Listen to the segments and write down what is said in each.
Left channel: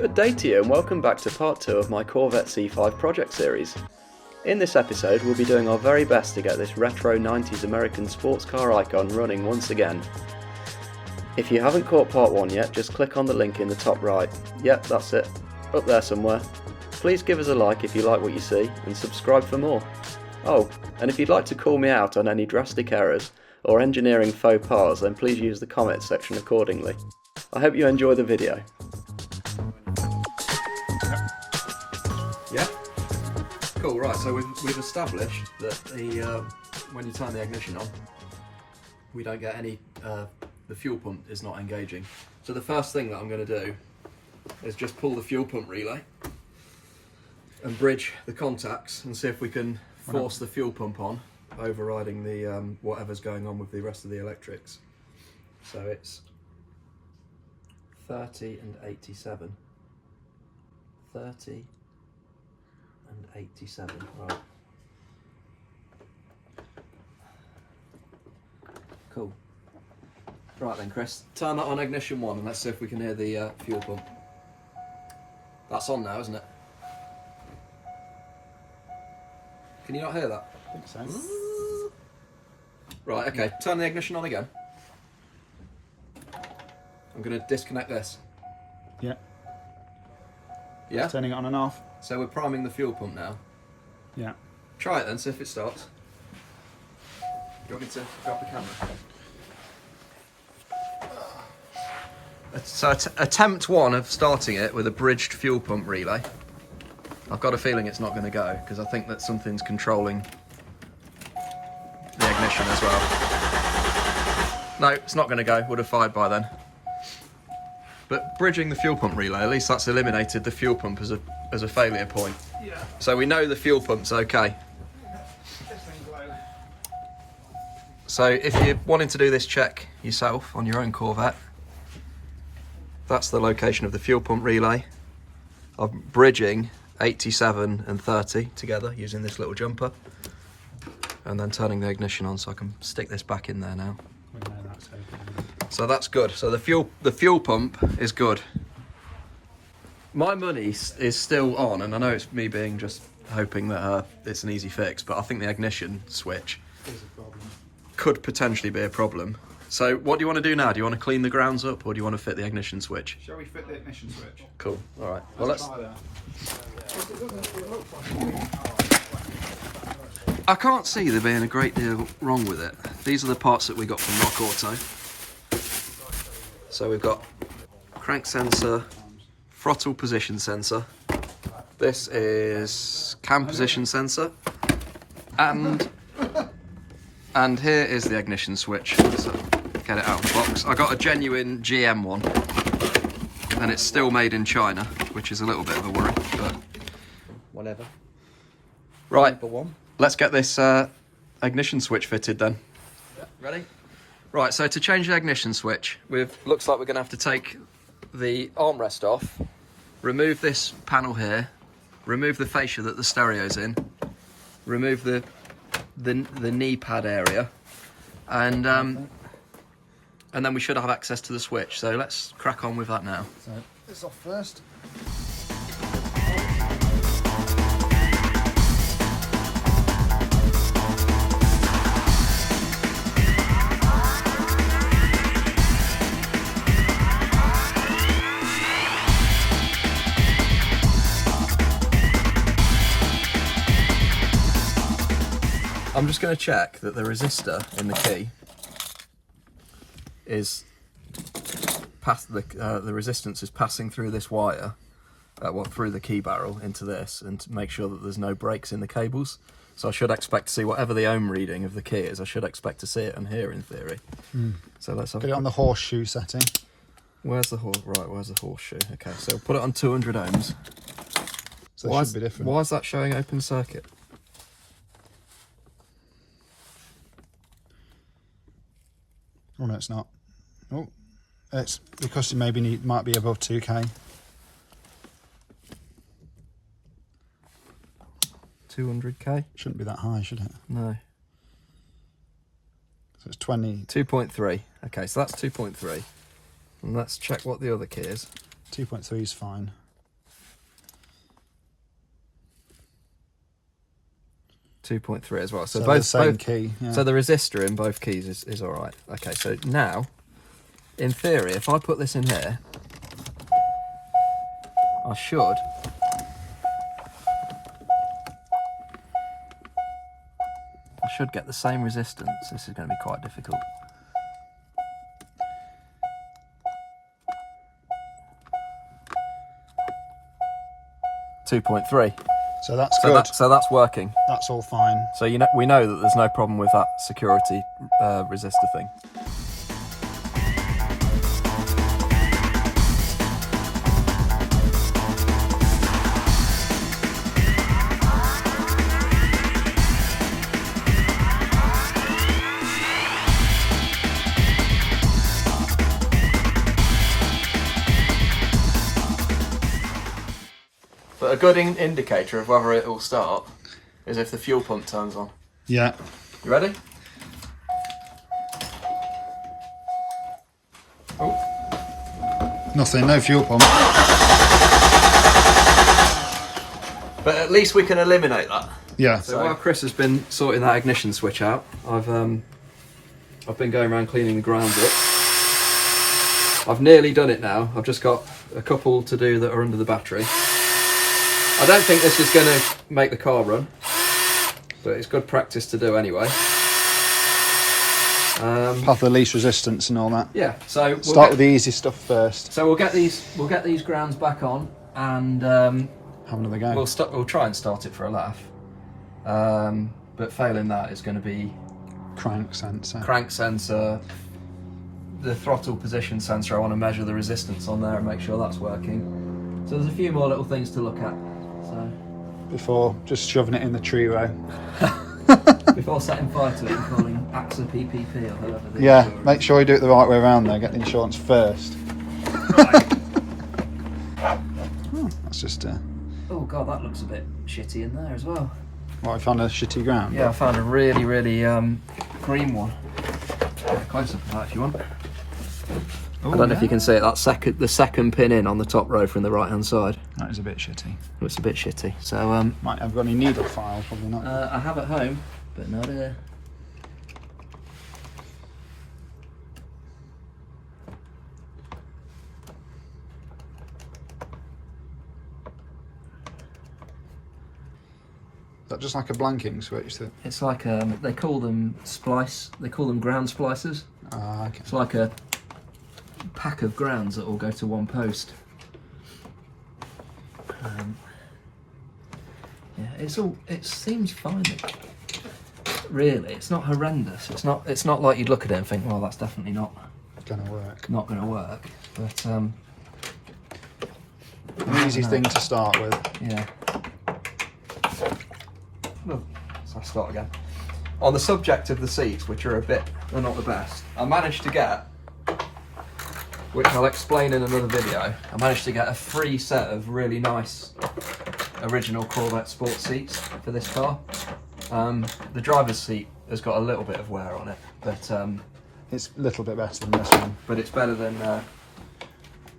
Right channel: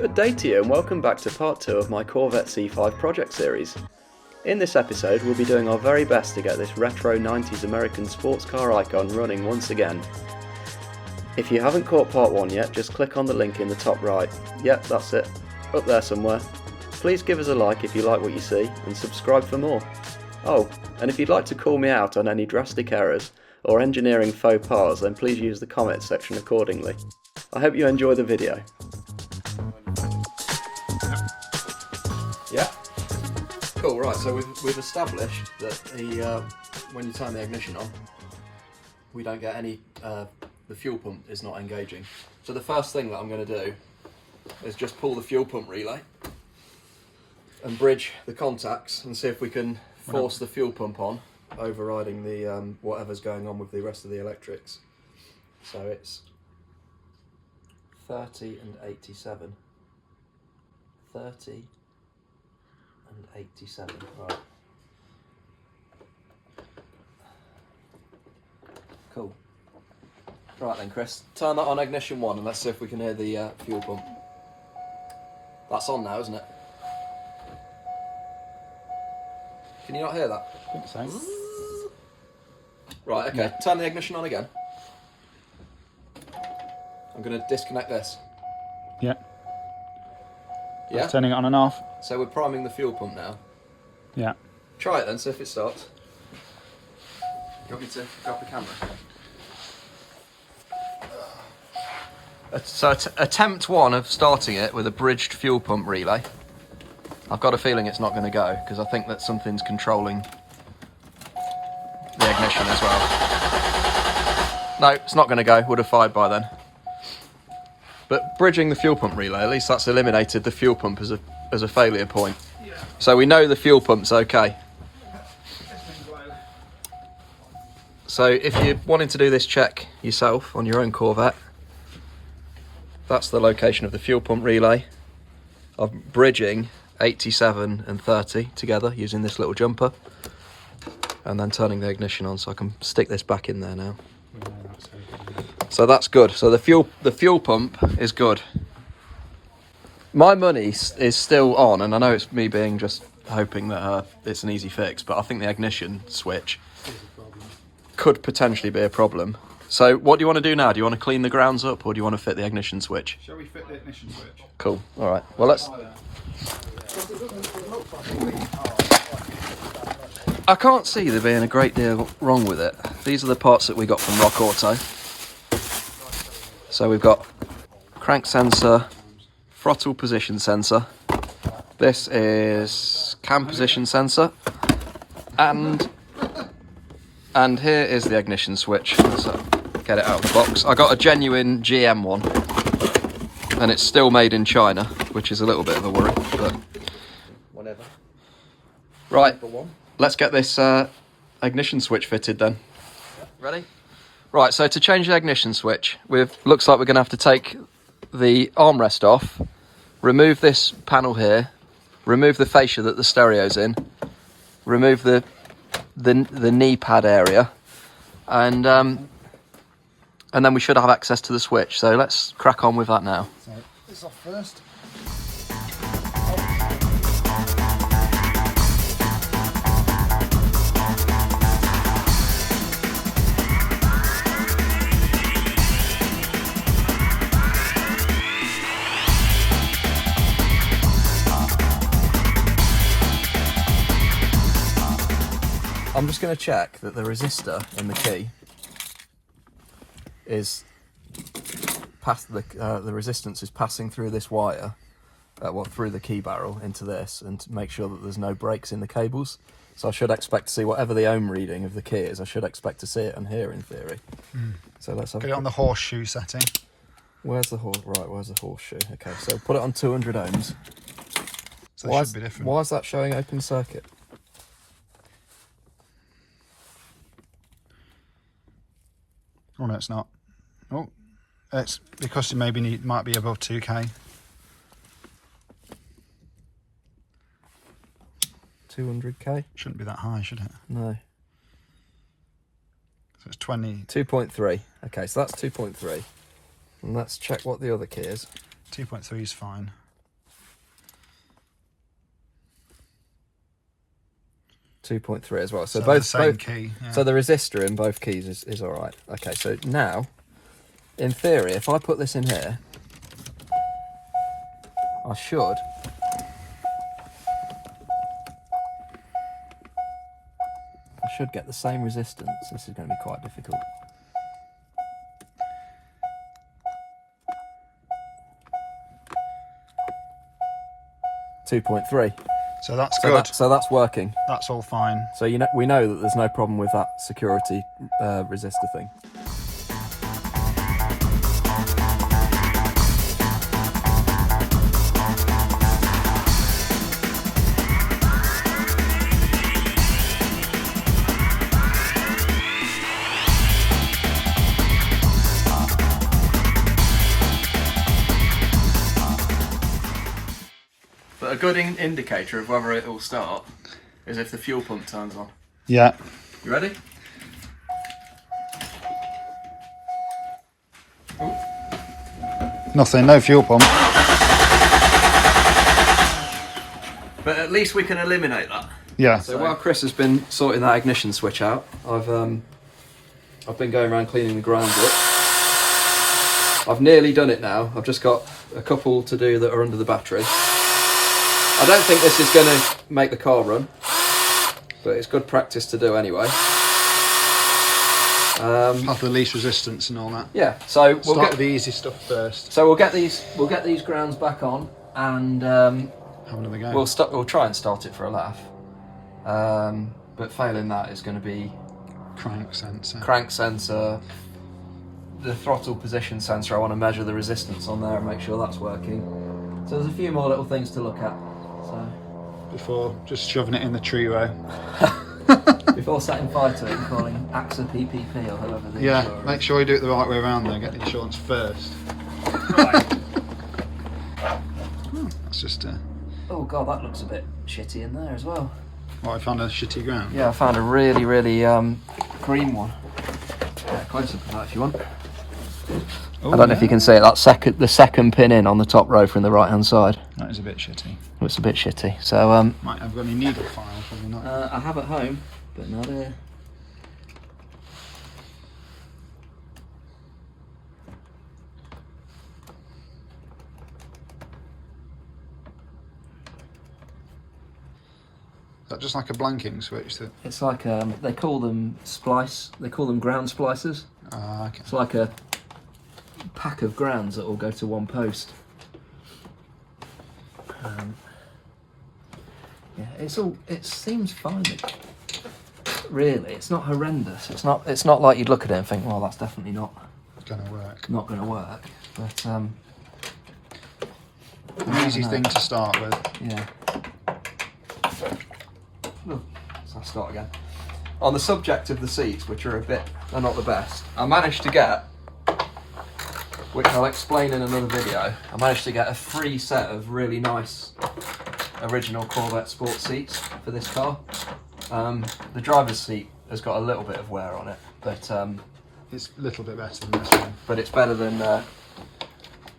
Good day to you and welcome back to part 2 of my Corvette C5 project series. In this episode we'll be doing our very best to get this retro 90s American sports car icon running once again. If you haven't caught part 1 yet, just click on the link in the top right. Yep, that's it, up there somewhere. Please give us a like if you like what you see and subscribe for more. Oh, and if you'd like to call me out on any drastic errors or engineering faux pas, then please use the comments section accordingly. I hope you enjoy the video. Yeah? Cool, right, so we've established that when you turn the ignition on, we don't get any, the fuel pump is not engaging. So the first thing that I'm going to do is just pull the fuel pump relay and bridge the contacts and see if we can force the fuel pump on, overriding the whatever's going on with the rest of the electrics. So it's 30 and 87. 30 and 87, right. Cool. Right then, Chris, turn that on ignition 1 and let's see if we can hear the fuel pump. That's on now, isn't it? Can you not hear that? I think so. Right, okay, turn the ignition on again. I'm going to disconnect this. Yeah. Yeah? Turning it on and off. So we're priming the fuel pump now. Yeah. Try it then, see if it starts. Do you want me to drop the camera? So attempt 1 of starting it with a bridged fuel pump relay. I've got a feeling it's not going to go because I think that something's controlling the ignition as well. No, it's not going to go. Would have fired by then. But bridging the fuel pump relay, at least that's eliminated the fuel pump as a failure point. Yeah. So we know the fuel pump's okay. So if you're wanting to do this check yourself on your own Corvette, that's the location of the fuel pump relay. I'm bridging 87 and 30 together using this little jumper and then turning the ignition on, so I can stick this back in there now. So that's good. So the fuel pump is good. My money is still on, and I know it's me being just hoping that it's an easy fix, but I think the ignition switch could potentially be a problem. So what do you want to do now? Do you want to clean the grounds up or do you want to fit the ignition switch? Shall we fit the ignition switch? Cool. All right. Well, let's... I can't see there being a great deal wrong with it. These are the parts that we got from Rock Auto. So we've got crank sensor, throttle position sensor. This is cam position sensor. And here is the ignition switch. So get it out of the box. I got a genuine GM one. And it's still made in China, which is a little bit of a worry, but whatever. Right, let's get this ignition switch fitted then. Ready? Right, so to change the ignition switch, looks like we're going to have to take the armrest off, remove this panel here, remove the fascia that the stereo's in, remove the knee pad area, and then we should have access to the switch. So let's crack on with that now. So this off first. I'm just going to check that the resistor in the key is past the resistance is passing through this wire, through the key barrel into this, and to make sure that there's no breaks in the cables. So I should expect to see whatever the ohm reading of the key is. I should expect to see it on here in theory. So let's have Get it on the horseshoe setting. Where's the Where's the horseshoe? Okay, so put it on 200 ohms. So it should be different. Why is that showing open circuit? Oh no, it's not. Oh, it's because you might be above 2K. 200k? Shouldn't be that high, should it? No. So it's 20. 2.3. Okay, so that's 2.3. And let's check what the other key is. 2.3 is fine. 2.3 as well. So, So both the same both, key. Yeah. So the resistor in both keys is all right. Okay, so now, in theory, if I put this in here, I should. I should get the same resistance. This is going to be quite difficult. .3. So that's good. So that's working. That's all fine. So we know that there's no problem with that security resistor thing. But a good indicator of whether it will start is if the fuel pump turns on. Yeah. You ready? Oh. Nothing, no fuel pump. But at least we can eliminate that. Yeah. So while Chris has been sorting that ignition switch out, I've been going around cleaning the grounds up. I've nearly done it now. I've just got a couple to do that are under the battery. I don't think this is going to make the car run, but it's good practice to do anyway. Path of least resistance and all that. Yeah. So we'll Start with the easy stuff first. So we'll get these grounds back on, and Have another go. we'll try and start it for a laugh. But failing that is going to be Crank sensor. crank sensor, the throttle position sensor. I want to measure the resistance on there and make sure that's working. So there's a few more little things to look at. So Before just shoving it in the tree row. before setting fire to it and calling AXA PPP or whoever. Yeah, make sure you do it the right way around there. Get the insurance first. That's just Oh god, that looks a bit shitty in there as well. I found a shitty ground. Yeah, I found a really green one. Close up to that if you want. Oh, I don't know if you can see it. The second pin in on the top row from the right hand side. That is a bit shitty. It's a bit shitty. So Might have got any needle file, probably not. I have at home, but not here. Is that just like a blanking switch? That... It's like they call them splice. They call them ground splicers. Ah, okay. It's like a pack of grounds that all go to one post. Yeah, it seems fine. Really, it's not horrendous. It's not like you'd look at it and think, well, that's definitely not Gonna work. Not going to work. But An easy thing to start with. yeah. Oh, so I'll start again. On the subject of the seats, which are not the best, I managed to get, which I'll explain in another video, I managed to get a free set of really nice original Corvette sports seats for this car. The driver's seat has got a little bit of wear on it, but it's a little bit better than this one. but it's better than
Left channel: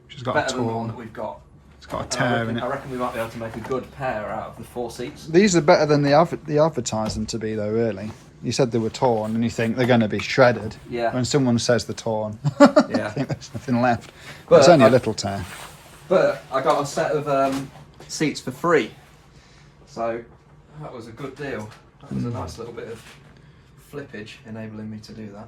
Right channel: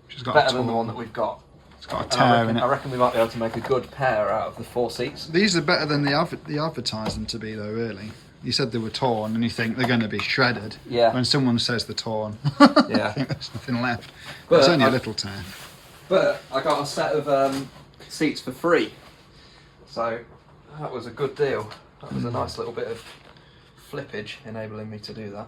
She's got better a than the one torn. that we've got. It's got a tear in it. I reckon we might be able to make a good pair out of the 4 seats. These are better than the advertised them to be, though. Really, you said they were torn, and you think they're going to be shredded. Yeah. When someone says they're torn, Yeah. I think there's nothing left. But It's only a little tear. But I got a set of seats for free, so that was a good deal. That was a nice little bit of flippage enabling me to do that.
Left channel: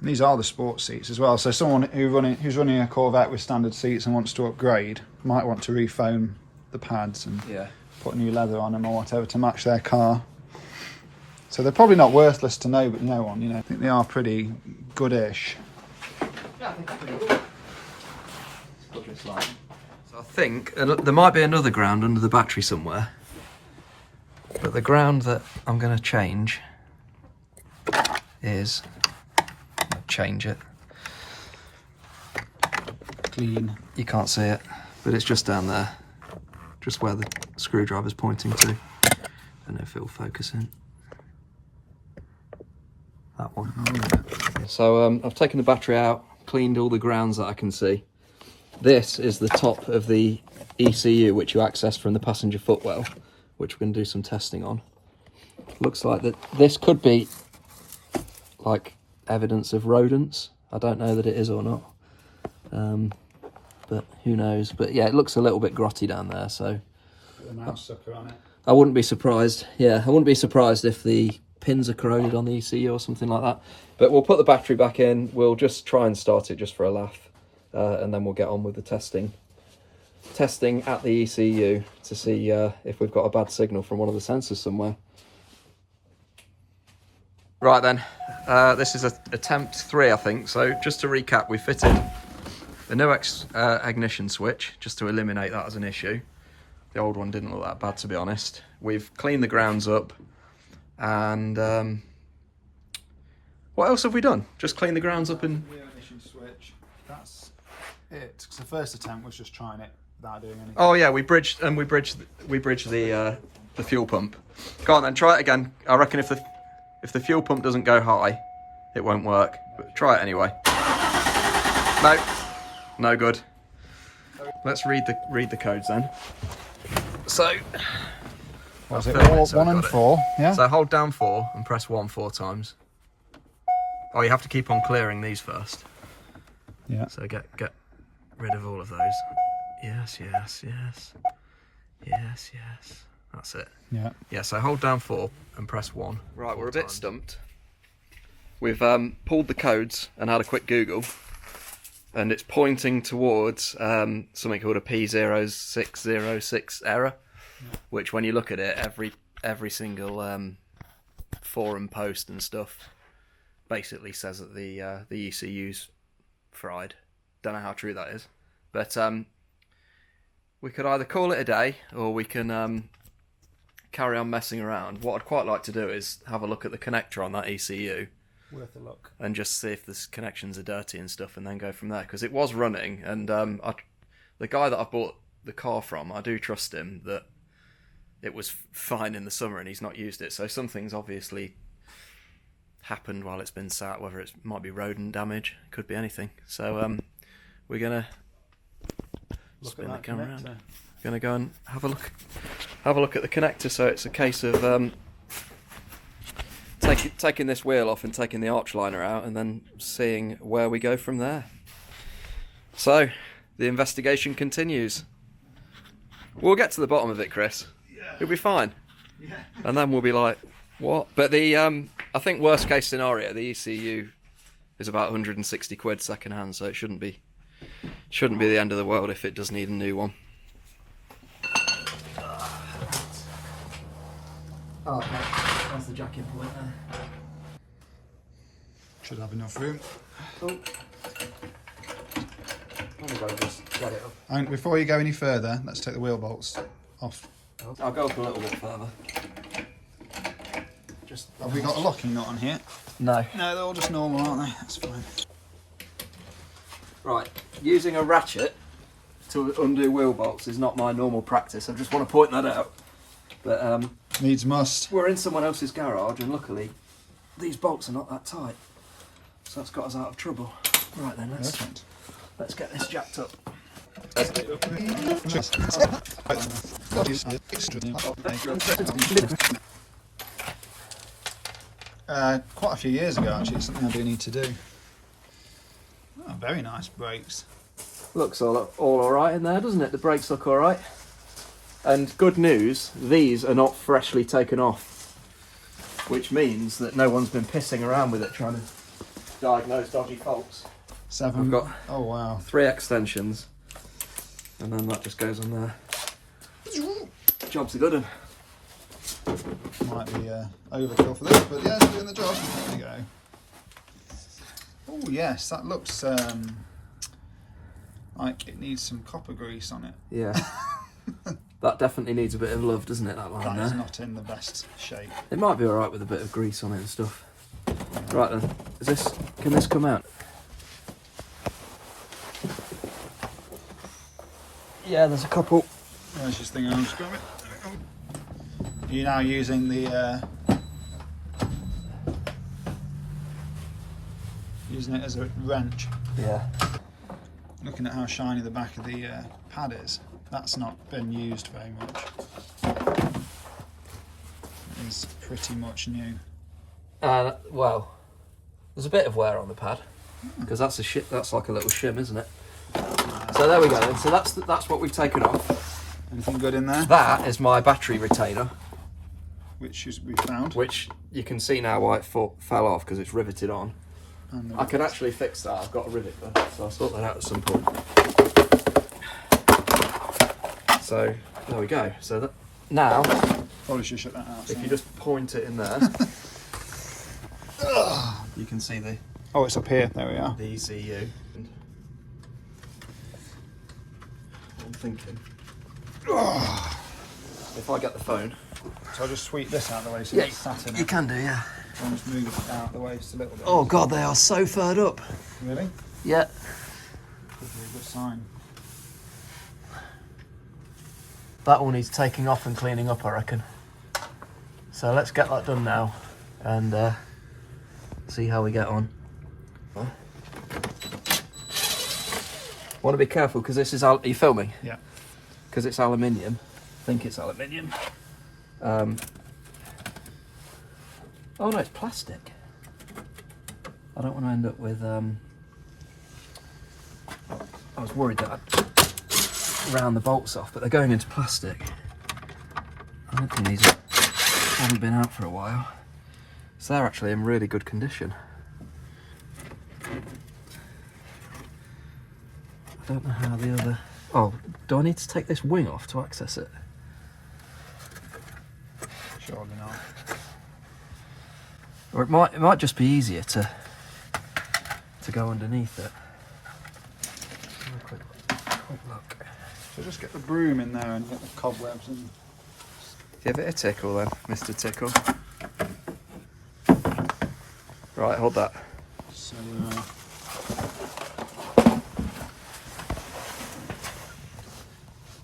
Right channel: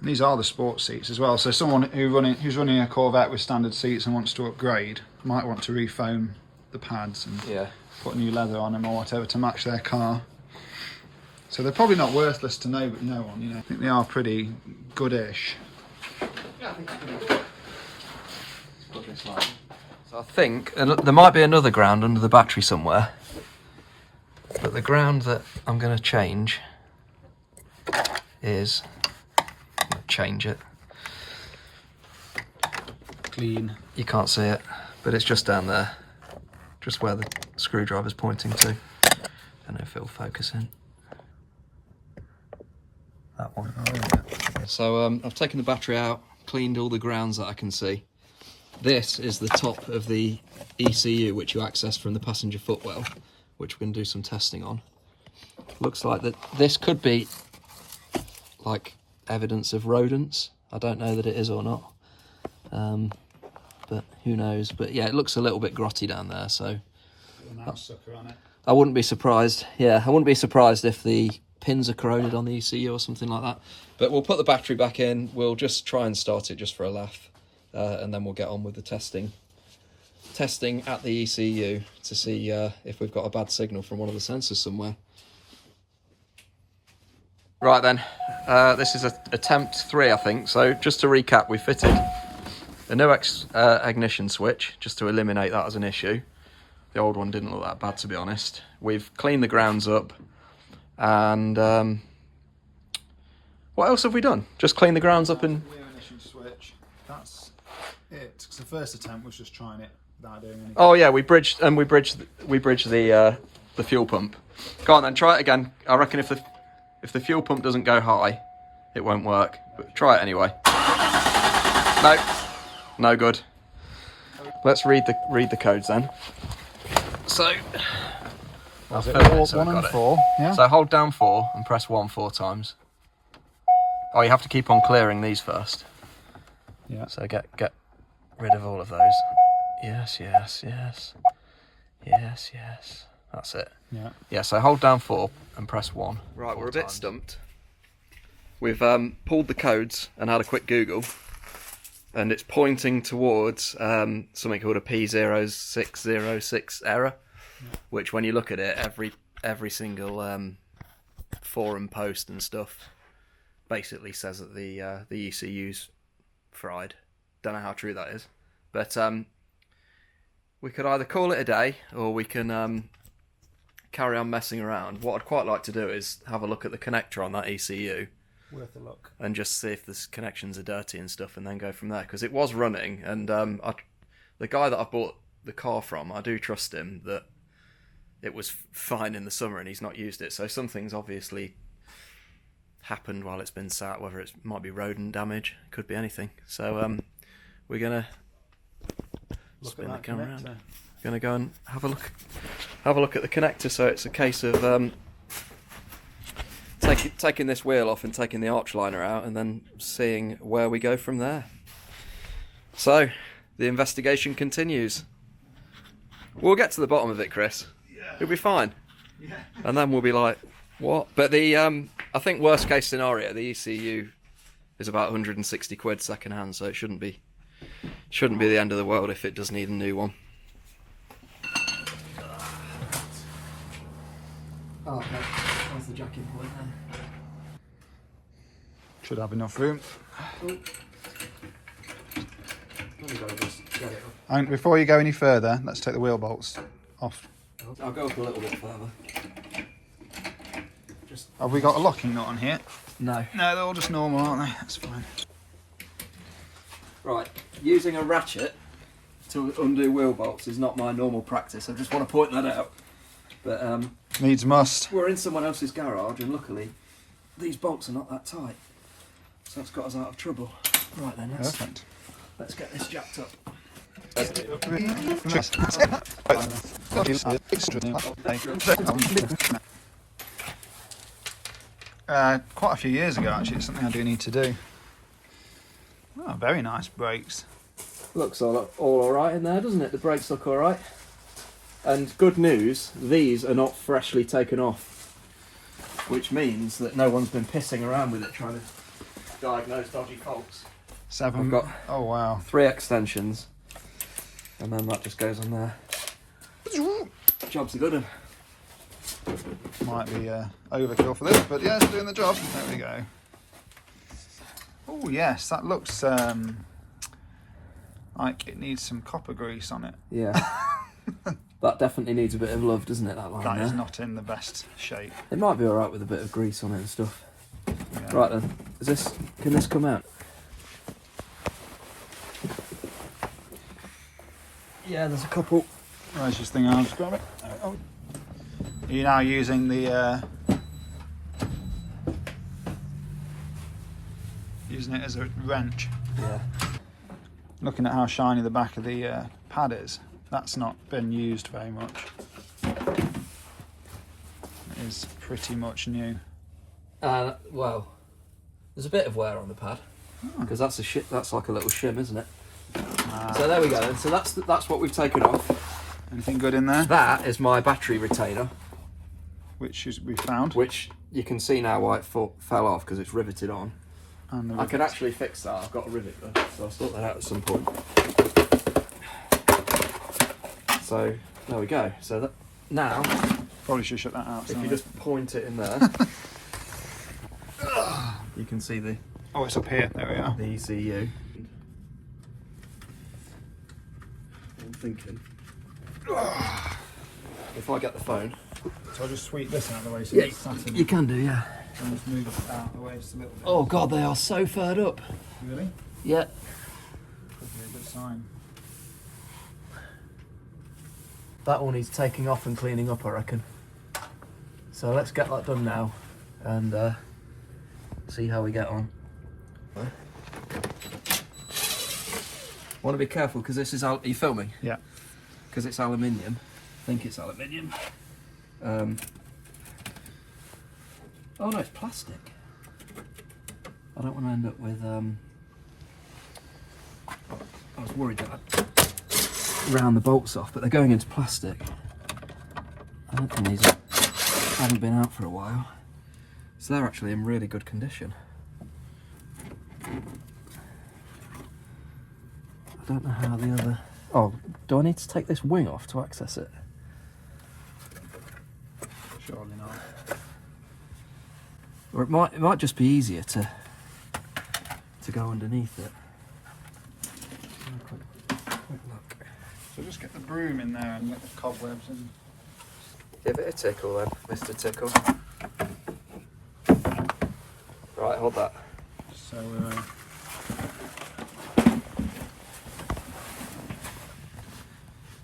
And these are the sports seats as well. So someone who's running a Corvette with standard seats and wants to upgrade might want to refoam the pads and Yeah. put new leather on them or whatever to match their car. So they're probably not worthless to know, but no one. You know, I think they are pretty goodish. Yeah, I think it's pretty good. Let's put this line. So I think there might be another ground under the battery somewhere, but the ground that I'm going to change is. I'm going to change it. Clean. You can't see it, but it's just down there, just where the screwdriver's pointing to. Don't know if it'll focus in. That one. Oh, yeah. So I've taken the battery out, cleaned all the grounds that I can see. This is the top of the ECU, which you accessed from the passenger footwell, which we're going to do some testing on. Looks like that this could be like evidence of rodents. I don't know that it is or not, but who knows. But yeah, it looks a little bit grotty down there, so A mouse sucker on it. I wouldn't be surprised. Yeah, I wouldn't be surprised if the pins are corroded on the ECU or something like that. But we'll put the battery back in. We'll just try and start it just for a laugh, and then we'll get on with the testing at the ECU to see if we've got a bad signal from one of the sensors somewhere. Right then, this is attempt 3, I think. So just to recap, we fitted a new ignition switch just to eliminate that as an issue. The old one didn't look that bad, to be honest. We've cleaned the grounds up, and what else have we done? Just clean the grounds up and... New ignition switch. That's it. Because the first attempt was just trying it without doing anything. Oh yeah, we bridged the fuel pump. Go on then, try it again. I reckon if the fuel pump doesn't go high, it won't work. But try it anyway. No, no good. Let's read the codes then. So I'll film it so we've got it. 4, yeah? So hold down 4 and press 1 4 times. Oh, you have to keep on clearing these first. Yeah. So get rid of all of those. Yes, yes, yes. Yes, yes. That's it. Yeah. Yeah, so hold down 4 and press 1. Right, we're a bit stumped. We've pulled the codes and had a quick Google, and it's pointing towards something called a P0606 error, which when you look at it, every single forum post and stuff basically says that the ECU's fried. Don't know how true that is, but we could either call it a day or we can carry on messing around. What I'd quite like to do is have a look at the connector on that ECU. Worth a look. And just see if the connections are dirty and stuff, and then go from there. Because it was running, and the guy that I bought the car from, I do trust him that it was fine in the summer and he's not used it. So something's obviously happened while it's been sat, whether it might be rodent damage, could be anything. So we're gonna spin the camera around. Gonna go and have a look at the connector. So it's a case of taking this wheel off and taking the arch liner out, and then seeing where we go from there. So the investigation continues. We'll get to the bottom of it, Chris. Yeah. It'll be fine. Yeah. And then we'll be like, what? But the I think worst case scenario, the ECU is about 160 quid second hand, so it shouldn't be the end of the world if it does need a new one. Oh, okay. There's the jacking point there. Should have enough room. Oh. Just get it up. And before you go any further, let's take the wheel bolts off. I'll go up a little bit further. Have we got a locking nut on here? No. No, they're all just normal, aren't they? That's fine. Right, using a ratchet to undo wheel bolts is not my normal practice. I just want to point that out. But needs must. We're in someone else's garage, and luckily these bolts are not that tight, so that's got us out of trouble. Right then, let's get this jacked up. Quite a few years ago, actually. It's something I do need to do. Oh, very nice brakes. Looks all alright in there, doesn't it? The brakes look alright. And good news, these are not freshly taken off, which means that no one's been pissing around with it trying to diagnose dodgy faults. 7. I've got oh wow. 3 extensions, and then that just goes on there. Job's a good one. Might be overkill for this, but yeah, it's doing the job. There we go. Oh yes, that looks like it needs some copper grease on it. Yeah. That definitely needs a bit of love, doesn't it, that line That there? is not in the best shape. It might be alright with a bit of grease on it and stuff. Yeah. Right then, can this come out? Yeah, there's a couple. Where's this thing? I'll just grab it. Are you now using the using it as a wrench? Yeah. Looking at how shiny the back of the pad is, that's not been used very much. is pretty much new. Well, there's a bit of wear on the pad because that's like a little shim, isn't it? So there we go then. So that's what we've taken off. Anything good in there? That is my battery retainer, Which we found. which you can see now why it fell off because it's riveted on. And the I can actually fix that. I've got a rivet there, so I'll sort that out at some point. So there we go. So that, now, probably should shut that out. if you just point it in there, you can see the Oh, it's up here. There we are. ECU. I'm thinking, if I get the phone, So I'll just sweep this out of the way so yeah, it's sat in you it. can do, yeah. I'll just move it out of the way just a little bit. Oh god, they are so furred up. Really? Yeah. Good sign. That one needs taking off and cleaning up, I reckon. So let's get that done now and see how we get on. Want to be careful because this is are you filming? Yeah. Because it's aluminium. I think it's aluminium. Oh no, it's plastic. I don't want to end up with. I was worried that I'd round the bolts off, but they're going into plastic. I don't think these haven't been out for a while, so they're actually in really good condition. I don't know how the other. Oh, do I need to take this wing off to access it? Surely not. Or it might just be easier to go underneath it. Have a quick look. So just get the broom in there and get the cobwebs and... Give it a tickle then, Mr. Tickle. Right, hold that. So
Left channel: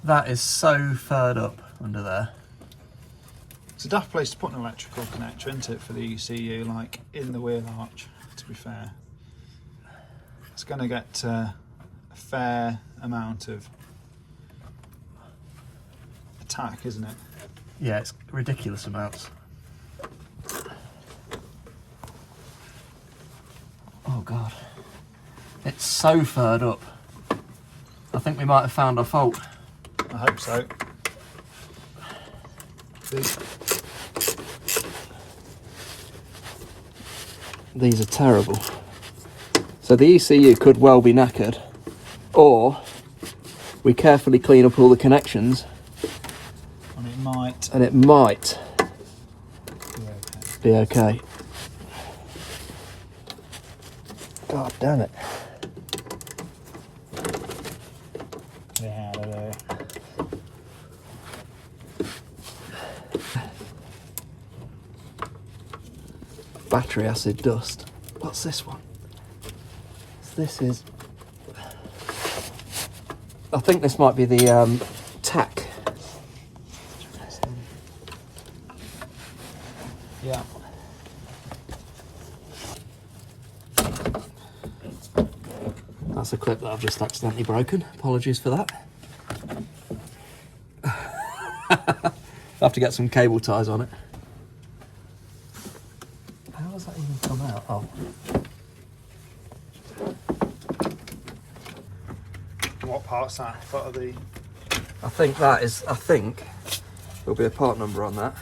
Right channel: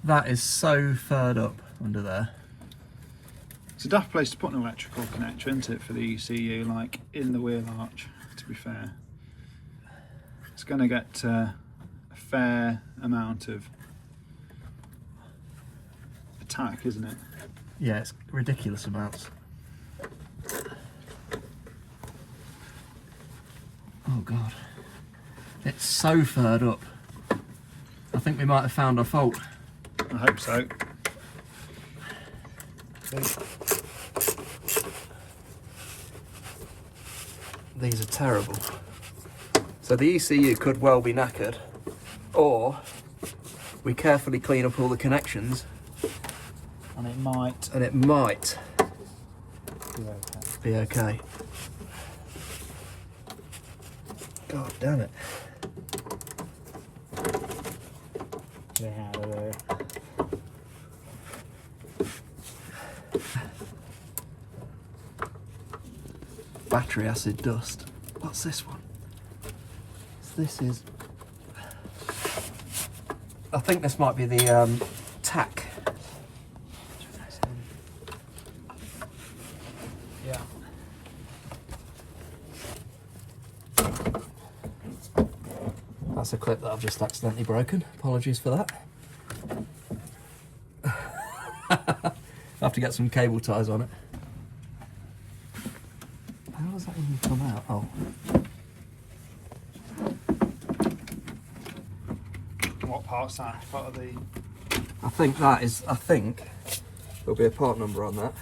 That is so furred up under there. it's a daft place to put an electrical connector, isn't it, for the ECU, like in the wheel arch, to be fair. It's going to get a fair amount of attack, isn't it? Yeah, it's ridiculous amounts. Oh god. It's so furred up. I think we might have found our fault. I hope so. These are terrible. So the ECU could well be knackered, or we carefully clean up all the connections And it might and it might be okay. be okay. God damn it. Yeah, Battery acid dust. What's this one? This is... I think this might be the tack. yeah. That's a clip that I've just accidentally broken. Apologies for that. I'll have to get some cable ties on it. How does that even come out? Oh. What part's that? What are the... I think there'll be a part number on that.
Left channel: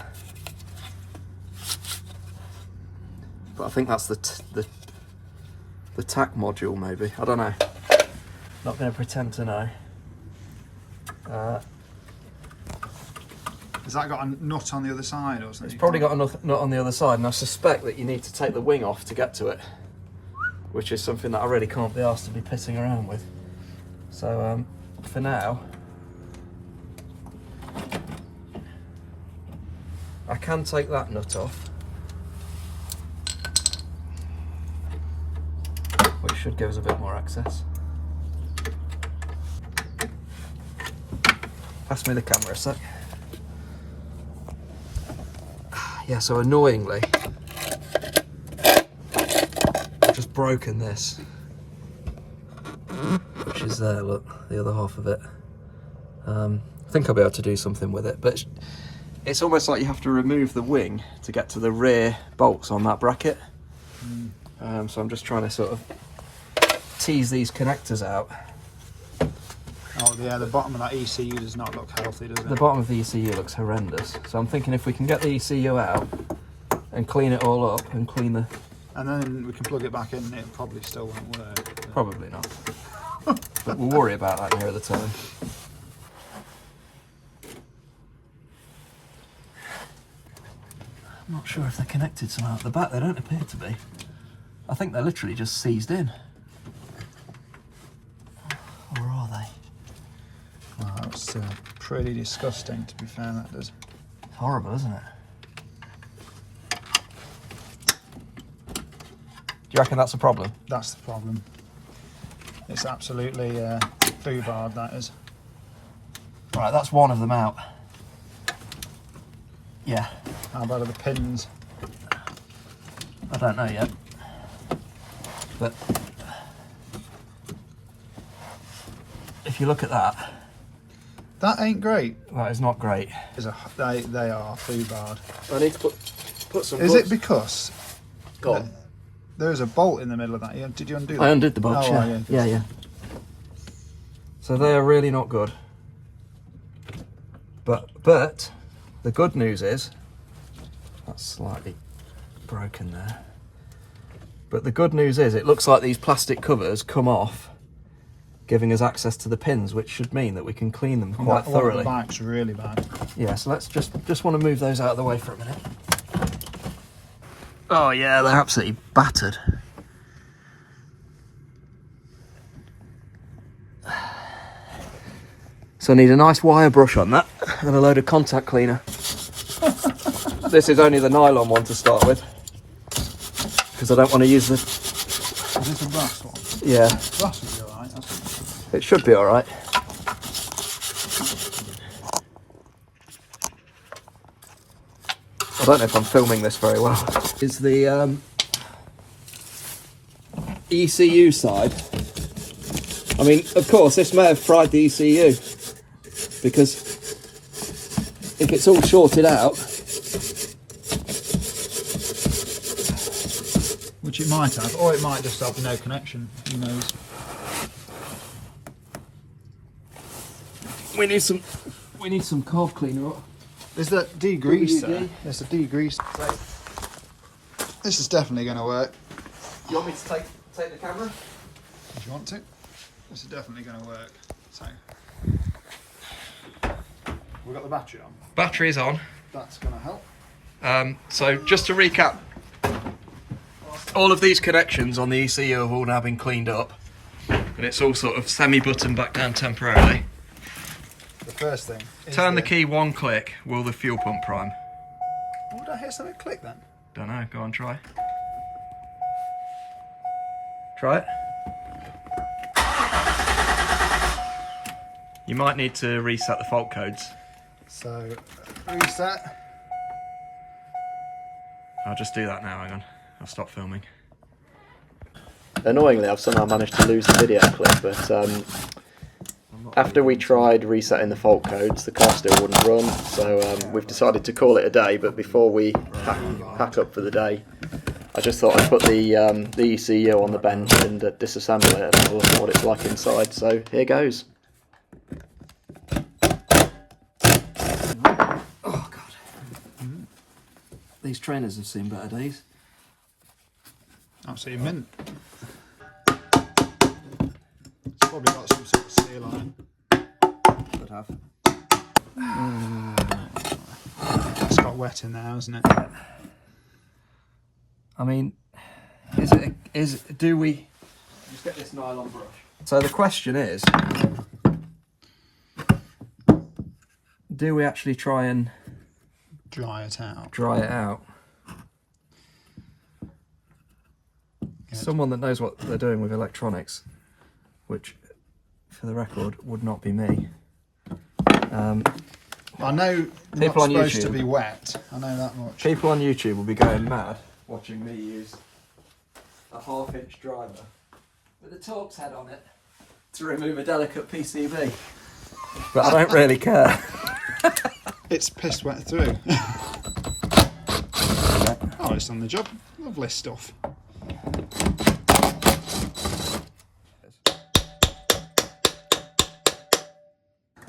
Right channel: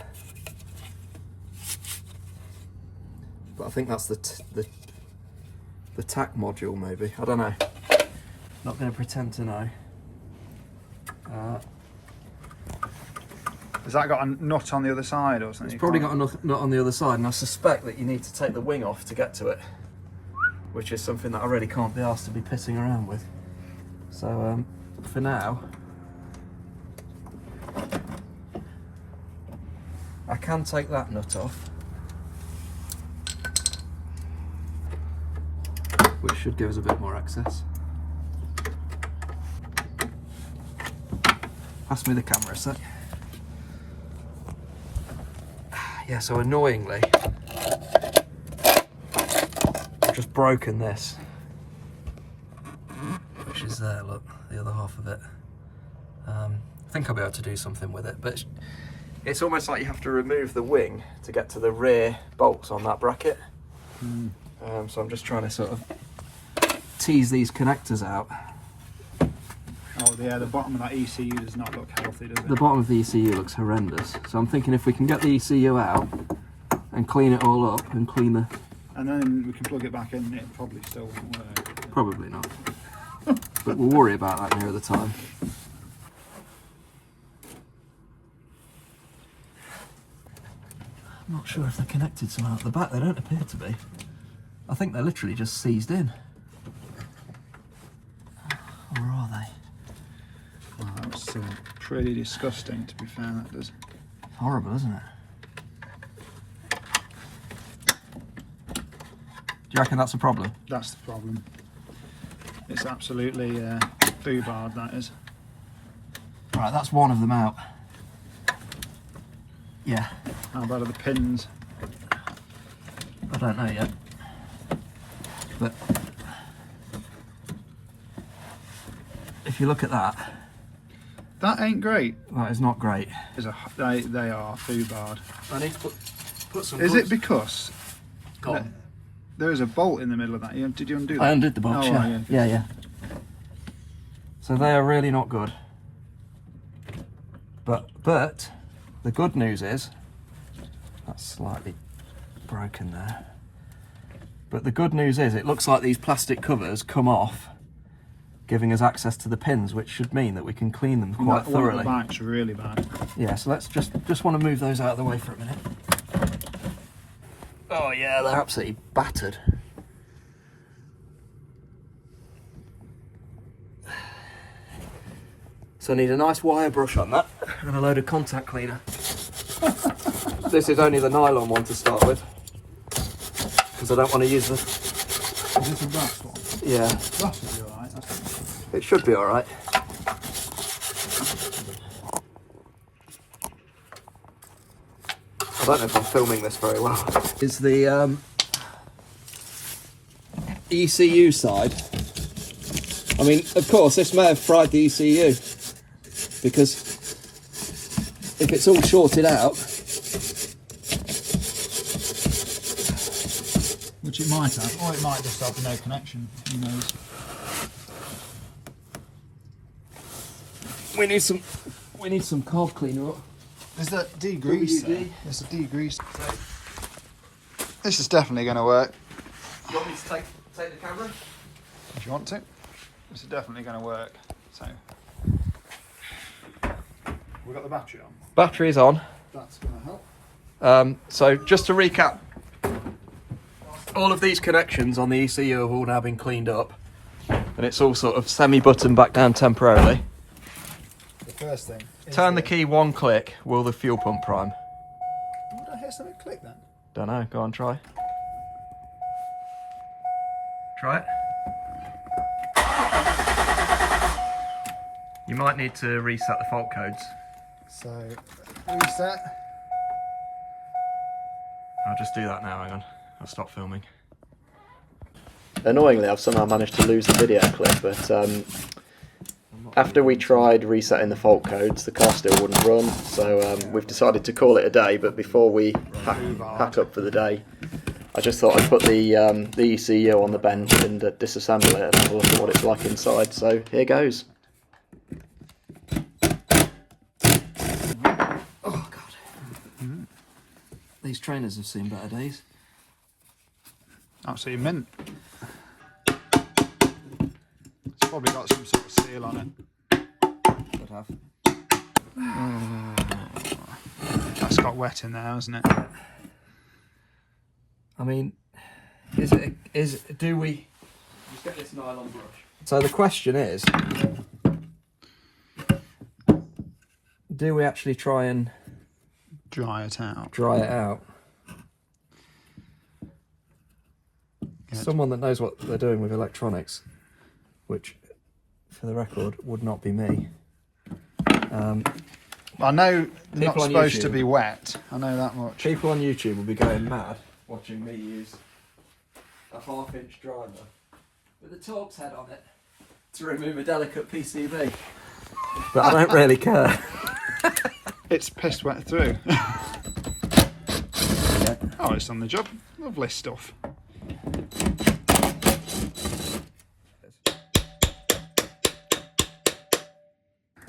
But I think that's the tack module, maybe. I don't know. Not going to pretend to know. Has that got a nut on the other side or something? It's probably got a nut on the other side, and I suspect that you need to take the wing off to get to it, which is something that I really can't be asked to be pissing around with. So for now, I can take that nut off, which should give us a bit more access. Pass me the camera a sec. Yeah, so annoyingly, I've just broken this, which is there, look, the other half of it. I think I'll be able to do something with it, but it's almost like you have to remove the wing to get to the rear bolts on that bracket. So I'm just trying to sort of tease these connectors out. Oh yeah, the bottom of that ECU does not look healthy, does it? The bottom of the ECU looks horrendous. So I'm thinking if we can get the ECU out and clean it all up and clean the... And then we can plug it back in and it'll probably still won't work. Probably not. But we'll worry about that near the time. I'm not sure if they're connected somehow at the back. They don't appear to be. I think they're literally just seized in. Or are they? Wow, that's pretty disgusting, to be fair, that does. It's horrible, isn't it? Do you reckon that's a problem? That's the problem. It's absolutely foobarred, that is. Right, that's one of them out. Yeah. How about the pins? I don't know yet. But if you look at that, that ain't great. that is not great. They are foobarred. I need to put some. Is it because Go on. there is a bolt in the middle of that? Did you undo that? I undid the bolts. Oh, Yeah. yeah. Yeah. So they are really not good. But the good news is that's slightly broken there. But the good news is it looks like these plastic covers come off, giving us access to the pins, which should mean that we can clean them quite thoroughly. The back's really bad. Yeah, so let's just want to move those out of the way for a minute. Oh yeah, they're absolutely battered. So I need a nice wire brush on that and a load of contact cleaner. This is only the nylon one to start with, because I don't want to use the... Is this a brass one? Yeah, Brass will be alright. it should be alright. I don't know if I'm filming this very well. Is the ECU side. I mean, of course, this may have fried the ECU, because if it's all shorted out, Which it might have, or it might just have no connection, who knows. we need some carb cleaner. There's that degreaser. WD. There's a degreaser. So, this is definitely going to work. You want me to take the camera? If you want to. This is definitely going to work. So, we've got the battery on. Battery's on. That's going to help. So just to recap, all of these connections on the ECU have all now been cleaned up, and it's all sort of semi-buttoned back down temporarily. The first thing. Turn the key one click, will the fuel pump prime? Would I hear something click then? Don't know, go on, try. Try it. You might need to reset the fault codes. So, reset. I'll just do that now, hang on. I'll stop filming. Annoyingly, I've somehow managed to lose the video clip, but after we tried resetting the fault codes, the car still wouldn't run, so we've decided to call it a day. But before we pack up for the day, I just thought I'd put the ECU on the bench and disassemble it and have a look at what it's like inside. So here goes. Oh god. These trainers have seen better days. Absolutely mint. It's probably got some sort of seal on it. Could have. That's got wet in there, hasn't it? I mean, do we just get this nylon brush? So the question is, do we actually try and Dry it out. dry it out? Yeah. Someone that knows what they're doing with electronics, which, for the record, would not be me. I know they're not People on supposed to YouTube. be wet. I know that much. People on YouTube will be going mad watching me use a 1/2-inch driver with a Torx head on it to remove a delicate PCB. But I don't really care. It's pissed wet through. Oh, it's on the job. Lovely stuff.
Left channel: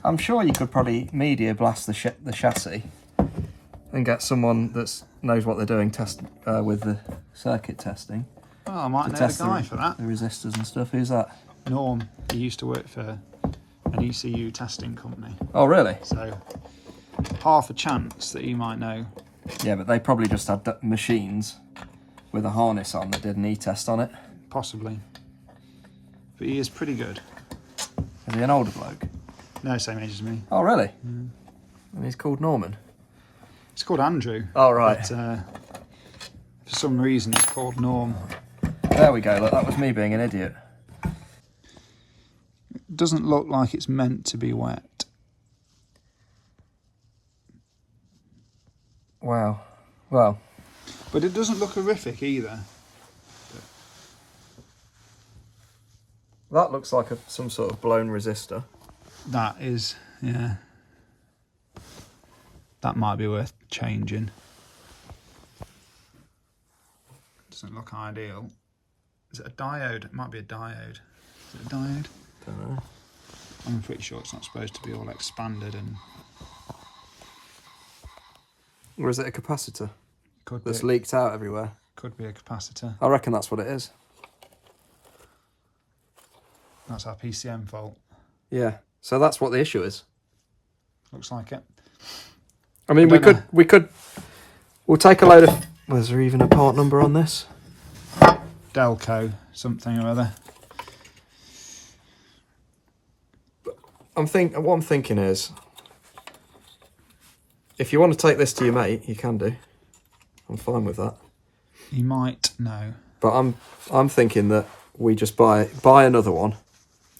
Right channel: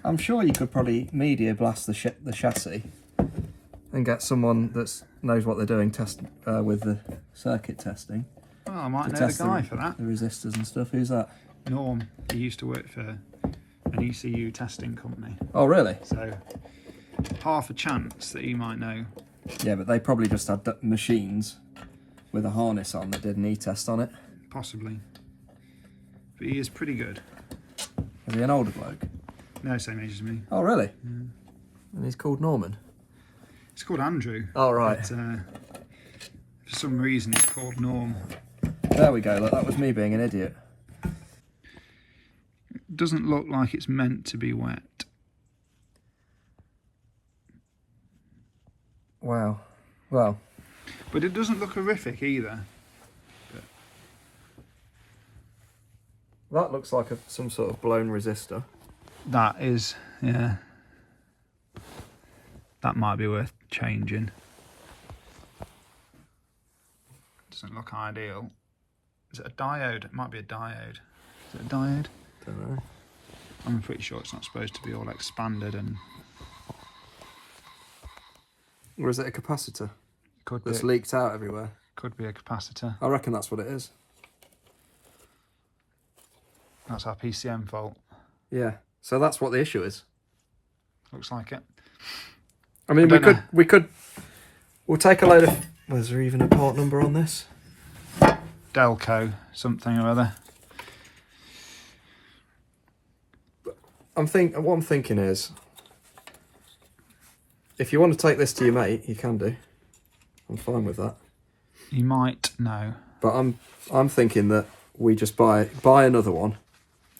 I'm sure you could probably media blast the chassis and get someone that knows what they're doing test with the circuit testing. Oh, I might to know test the guy for that. The resistors and stuff. Who's that? Norm. He used to work for an ECU testing company. Oh, really? So, half a chance that he might know. Yeah, but they probably just had machines with a harness on that did an e-test on it. Possibly. But he is pretty good. Is he an older bloke? No, same age as me. Oh, really? Yeah. And he's called Norman? It's called Andrew. Oh, right. But, for some reason it's called Norm. There we go, look, that was me being an idiot. It doesn't look like it's meant to be wet. Wow. Well. But it doesn't look horrific either. That looks like some sort of blown resistor. That is, yeah. That might be worth changing. Doesn't look ideal. Is it a diode? It might be a diode. Is it a diode? Don't know. I'm pretty sure it's not supposed to be all expanded and... Or is it a capacitor Could that's be, leaked out everywhere? could be a capacitor. I reckon that's what it is. That's our PCM fault. Yeah. So that's what the issue is. Looks like it. I mean, I don't we'll take a load of... Was there even a part number on this? Delco, something or other. What I'm thinking is, if you want to take this to your mate, you can do. I'm fine with that. You might know. But I'm thinking that we just buy another one,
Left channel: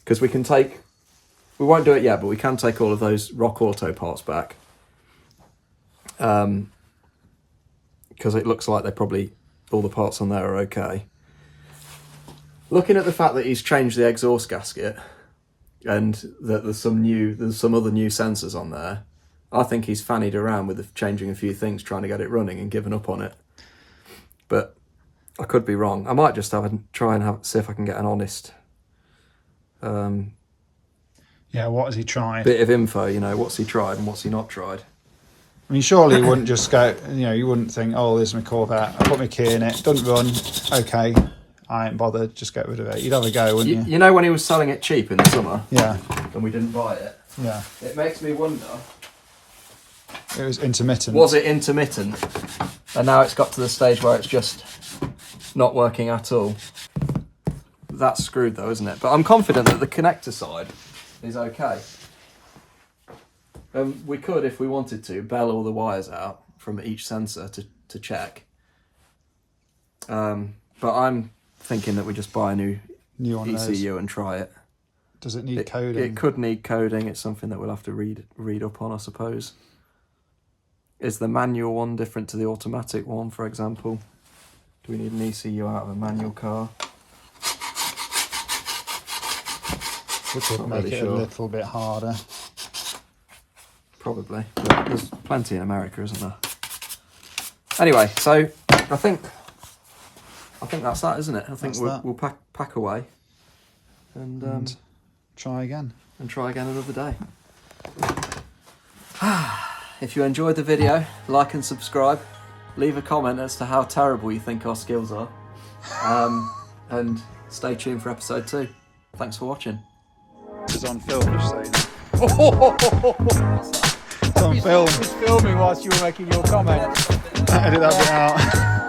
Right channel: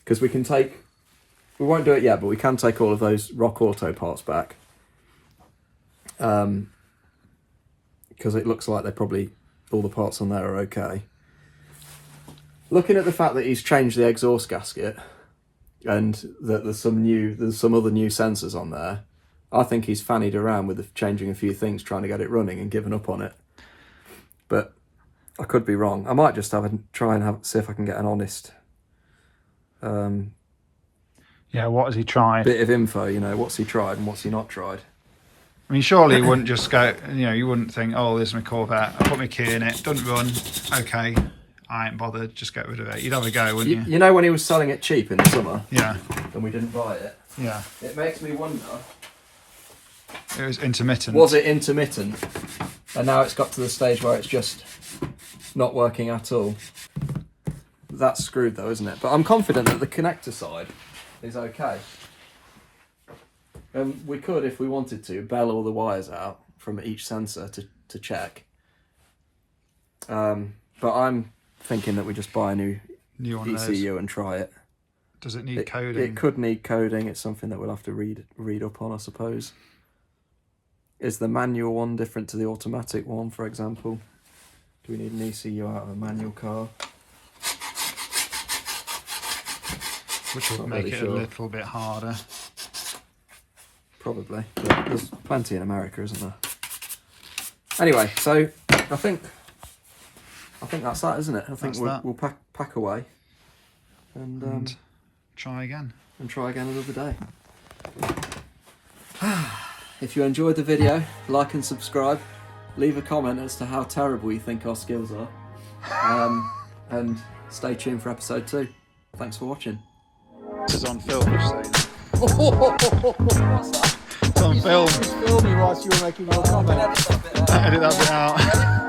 because we can take... We won't do it yet, but we can take all of those Rock Auto parts back. Because it looks like all the parts on there are okay. Looking at the fact that he's changed the exhaust gasket and that there's some other new sensors on there, I think he's fannied around with changing a few things, trying to get it running and given up on it. But I could be wrong. I might just see if I can get an honest Yeah, what has he tried? bit of info, what's he tried and what's he not tried. I mean, surely you wouldn't just go, you wouldn't think, oh, there's my Corvette, I put my key in it, doesn't run, okay, I ain't bothered, just get rid of it. You'd have a go, wouldn't you? You know when he was selling it cheap in the summer? Yeah. And we didn't buy it? Yeah. It makes me wonder, It was intermittent. was it intermittent? And now it's got to the stage where it's just not working at all. That's screwed though, isn't it? But I'm confident that the connector side is okay. We could, if we wanted to, bell all the wires out from each sensor to check. But I'm thinking that we just buy a new one of those. ECU and try it. Does it need coding? It could need coding. It's something that we'll have to read up on, I suppose. Is the manual one different to the automatic one, for example? Do we need an ECU out of a manual car? Which would make it a little bit harder. Probably, but there's plenty in America, isn't there? Anyway, so I think that's that, isn't it? I think we'll pack away and try again. And try again another day. If you enjoyed the video, like and subscribe. Leave a comment as to how terrible you think our skills are. And stay tuned for episode 2. Thanks for watching. It's on film, just saying. It's on film. Filming whilst you were making your comment. Edit that bit out.